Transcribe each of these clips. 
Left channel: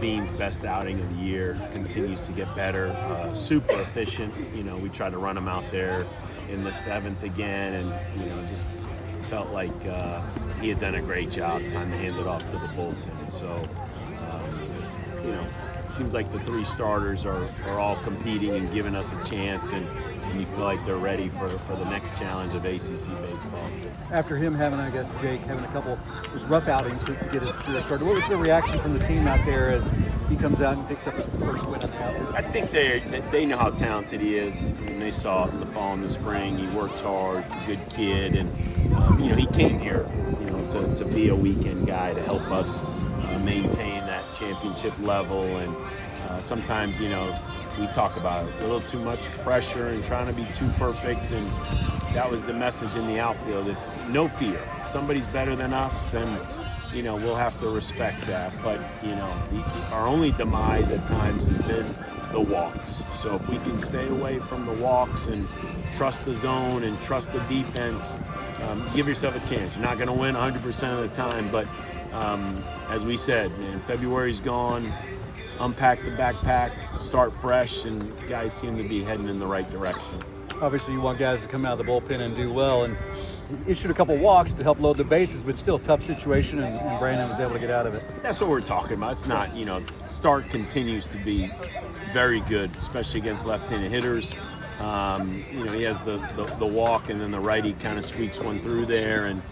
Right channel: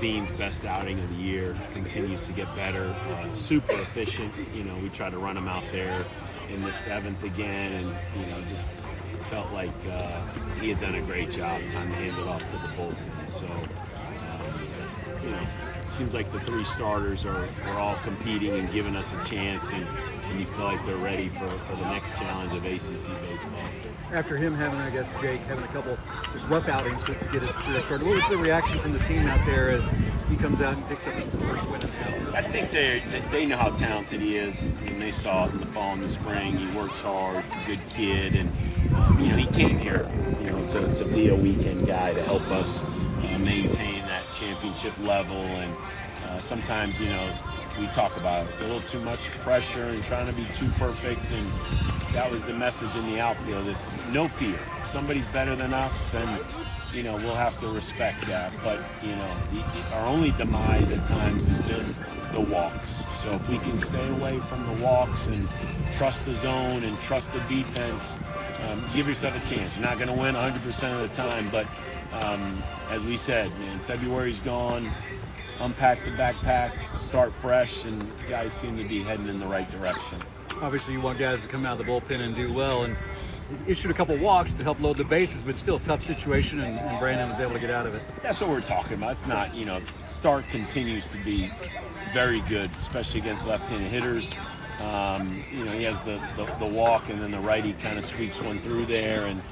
Bean's best outing of the year, continues to get better, super efficient. We tried to run him out there in the 7th again, and just felt like he had done a great job. Time to hand it off to the bullpen. So, it seems like the 3 starters are all competing and giving us a chance, and you feel like they're ready for the next challenge of ACC baseball. After him having, I guess, Jake having a couple rough outings to get his career started, what was the reaction from the team out there as he comes out and picks up his first win? I think they know how talented he is. I mean, they saw it in the fall and the spring. He works hard. He's a good kid, and he came here, to be a weekend guy to help us maintain that championship level. And sometimes, we talk about a little too much pressure and trying to be too perfect, and that was the message in the outfield. No fear. If somebody's better than us, then we'll have to respect that. But our only demise at times has been the walks. So if we can stay away from the walks and trust the zone and trust the defense, give yourself a chance. You're not going to win 100% of the time, but as we said, February's gone. Unpack the backpack, start fresh, and guys seem to be heading in the right direction. Obviously, you want guys to come out of the bullpen and do well, and he issued a couple walks to help load the bases, but still a tough situation, and Brandon was able to get out of it. That's what we're talking about. It's not, Stark continues to be very good, especially against left-handed hitters. He has the walk, and then the righty kind of squeaks one through there, and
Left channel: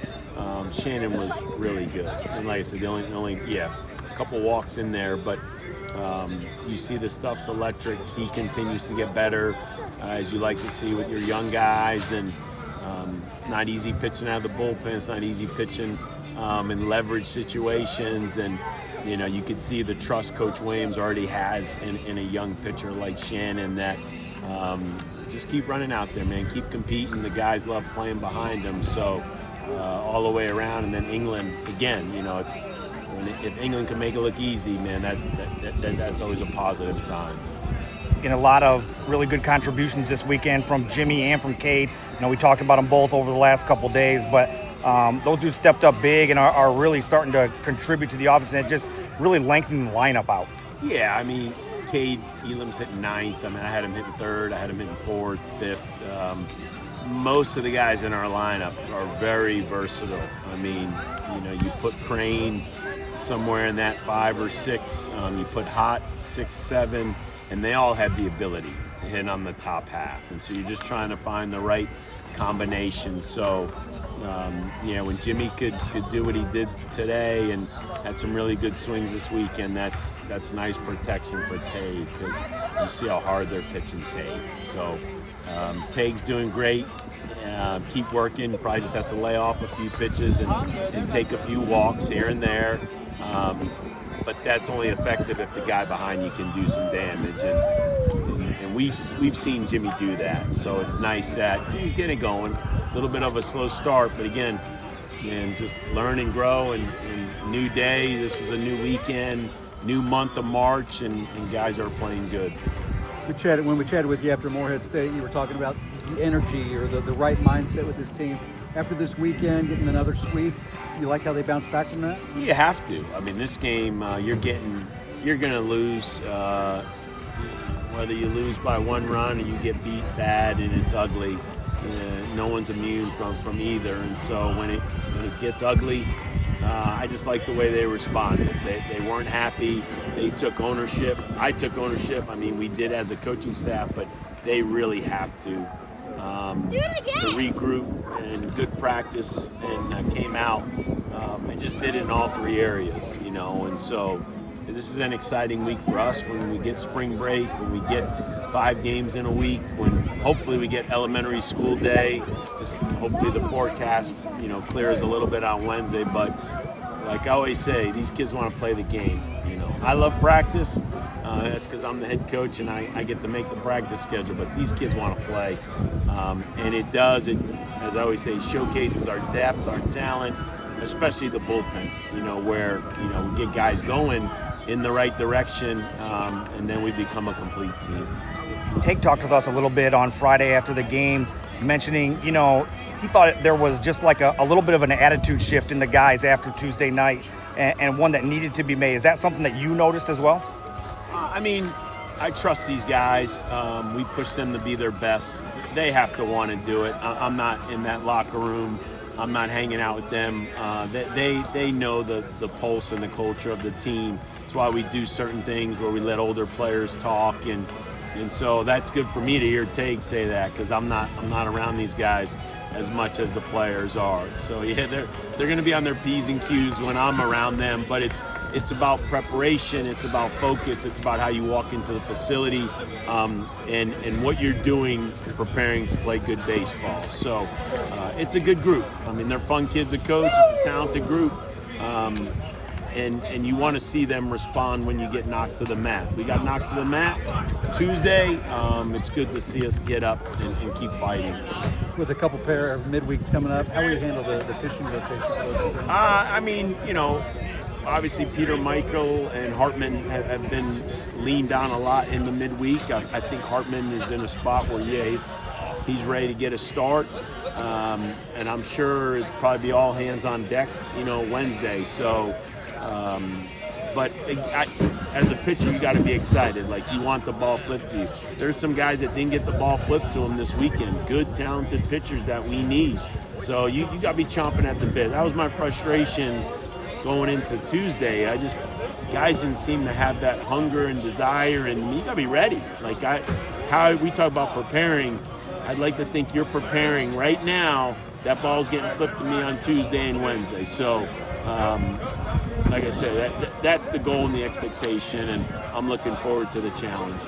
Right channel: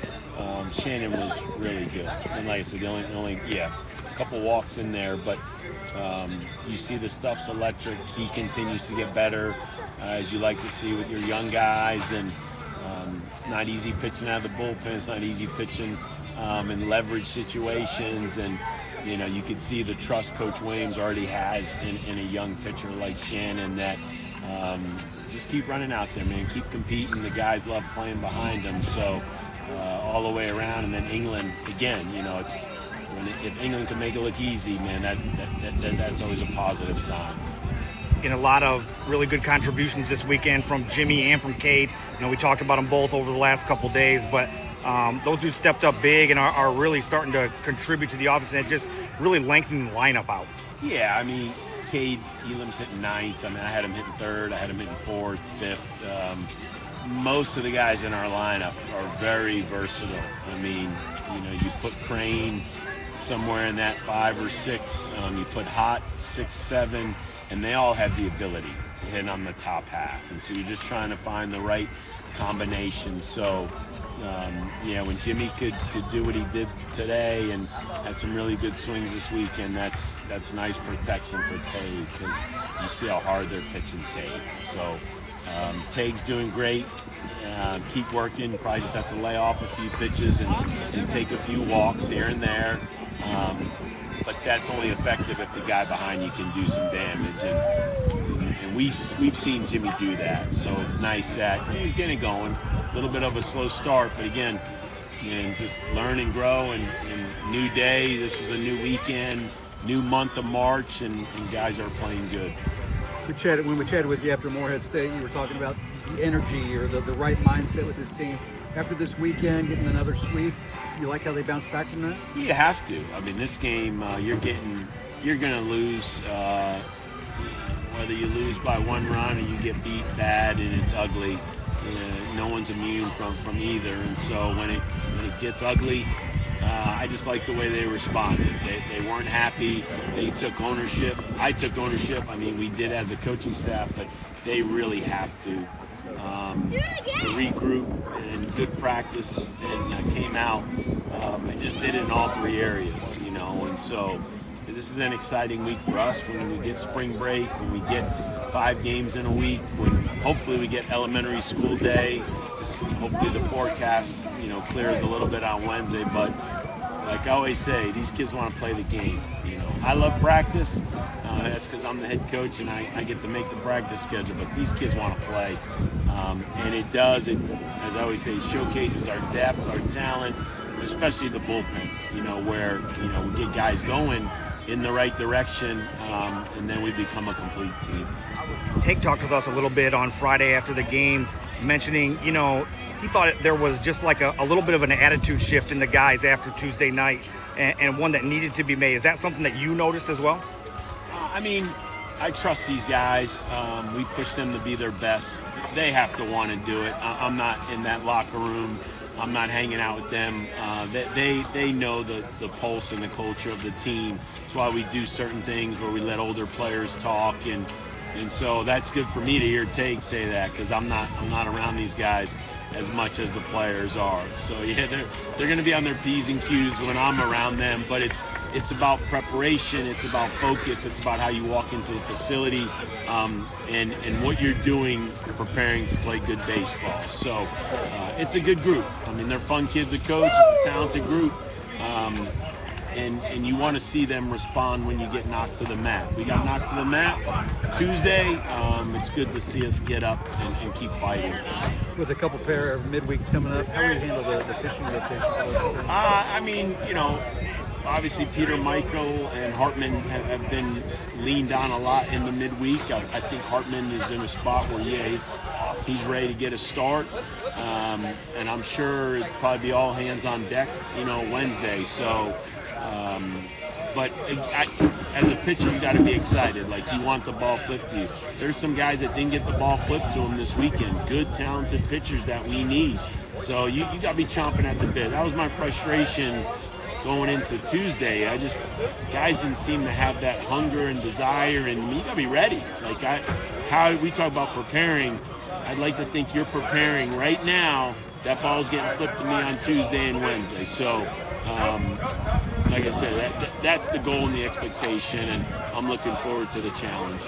Shannon was really good. And like I said, a couple walks in there, but you see the stuff's electric. He continues to get better, as you like to see with your young guys, and it's not easy pitching out of the bullpen. It's not easy pitching in leverage situations, and you could see the trust Coach Williams already has in a young pitcher like Shannon, that just keep running out there, man. Keep competing. The guys love playing behind them, so all the way around. And then England, again, if England can make it look easy, man, that's always a positive sign. A lot of really good contributions this weekend from Jimmy and from Cade. We talked about them both over the last couple days, but those dudes stepped up big and are really starting to contribute to the offense, and it just really lengthened the lineup out. Yeah, I mean, Cade Elam's hitting 9th. I had him hitting 3rd. I had him hitting 4th, 5th. Most of the guys in our lineup are very versatile. I mean, you put Crane somewhere in that 5 or 6. You put Hot 6, 7, and they all have the ability to hit on the top half. And so you're just trying to find the right combination. So, when Jimmy could do what he did today and had some really good swings this weekend, that's nice protection for Tay, because you see how hard they're pitching Tay. So Taig's doing great. Keep working. Probably just has to lay off a few pitches and take a few walks here and there. But that's only effective if the guy behind you can do some damage, and we've seen Jimmy do that. So it's nice that he's getting going. A little bit of a slow start, but again, just learn and grow. And new day. This was a new weekend, new month of March, and guys are playing good. When we chatted with you after Morehead State, you were talking about the energy or the right mindset with this team. After this weekend, getting another sweep, you like how they bounced back from that? You have to. I mean, this game, you're going to lose, whether you lose by 1 run or you get beat bad and it's ugly. No one's immune from either. And so when it gets ugly, I just like the way they responded. They weren't happy. They took ownership. I took ownership. I mean, we did as a coaching staff, but they really have to regroup, and good practice, and came out and just did it in all 3 areas, and so this is an exciting week for us when we get spring break, when we get 5 games in a week, when hopefully we get elementary school day. Just hopefully the forecast, clears a little bit on Wednesday, but like I always say, these kids want to play the game. I love practice. That's because I'm the head coach and I get to make the practice schedule, but these kids want to play. And it does, as I always say, showcases our depth, our talent, especially the bullpen, where, we get guys going in the right direction, and then we become a complete team. Tate talked with us a little bit on Friday after the game, mentioning, he thought there was just like a little bit of an attitude shift in the guys after Tuesday night. and one that needed to be made. Is that something that you noticed as well? I mean, I trust these guys. We push them to be their best. They have to want to do it. I'm not in that locker room. I'm not hanging out with them. They know the pulse and the culture of the team. That's why we do certain things where we let older players talk, and so that's good for me to hear Tate say that, because I'm not around these guys as much as the players are. So yeah, they're going to be on their P's and Q's when I'm around them, but it's about preparation, it's about focus, it's about how you walk into the facility, and what you're doing preparing to play good baseball. So it's a good group. I mean, they're fun kids to coach, it's a talented group, and you want to see them respond when you get knocked to the mat. We got knocked to the mat Tuesday. It's good to see us get up and keep fighting. With a couple pair of midweeks coming up, how do you handle the pitching rotation for those? I mean, obviously Peter Michael and Hartman have been leaned on a lot in the midweek. I think Hartman is in a spot where, he's ready to get a start. And I'm sure it'll probably be all hands on deck, Wednesday. So, but as a pitcher, you got to be excited. Like, you want the ball flipped to you. There's some guys that didn't get the ball flipped to them this weekend. Good, talented pitchers that we need. So you got to be chomping at the bit. That was my frustration going into Tuesday. Guys didn't seem to have that hunger and desire, and you got to be ready. Like, how we talk about preparing, I'd like to think you're preparing right now. That ball's getting flipped to me on Tuesday and Wednesday. So, like I said, that's the goal and the expectation, and I'm looking forward to the challenge.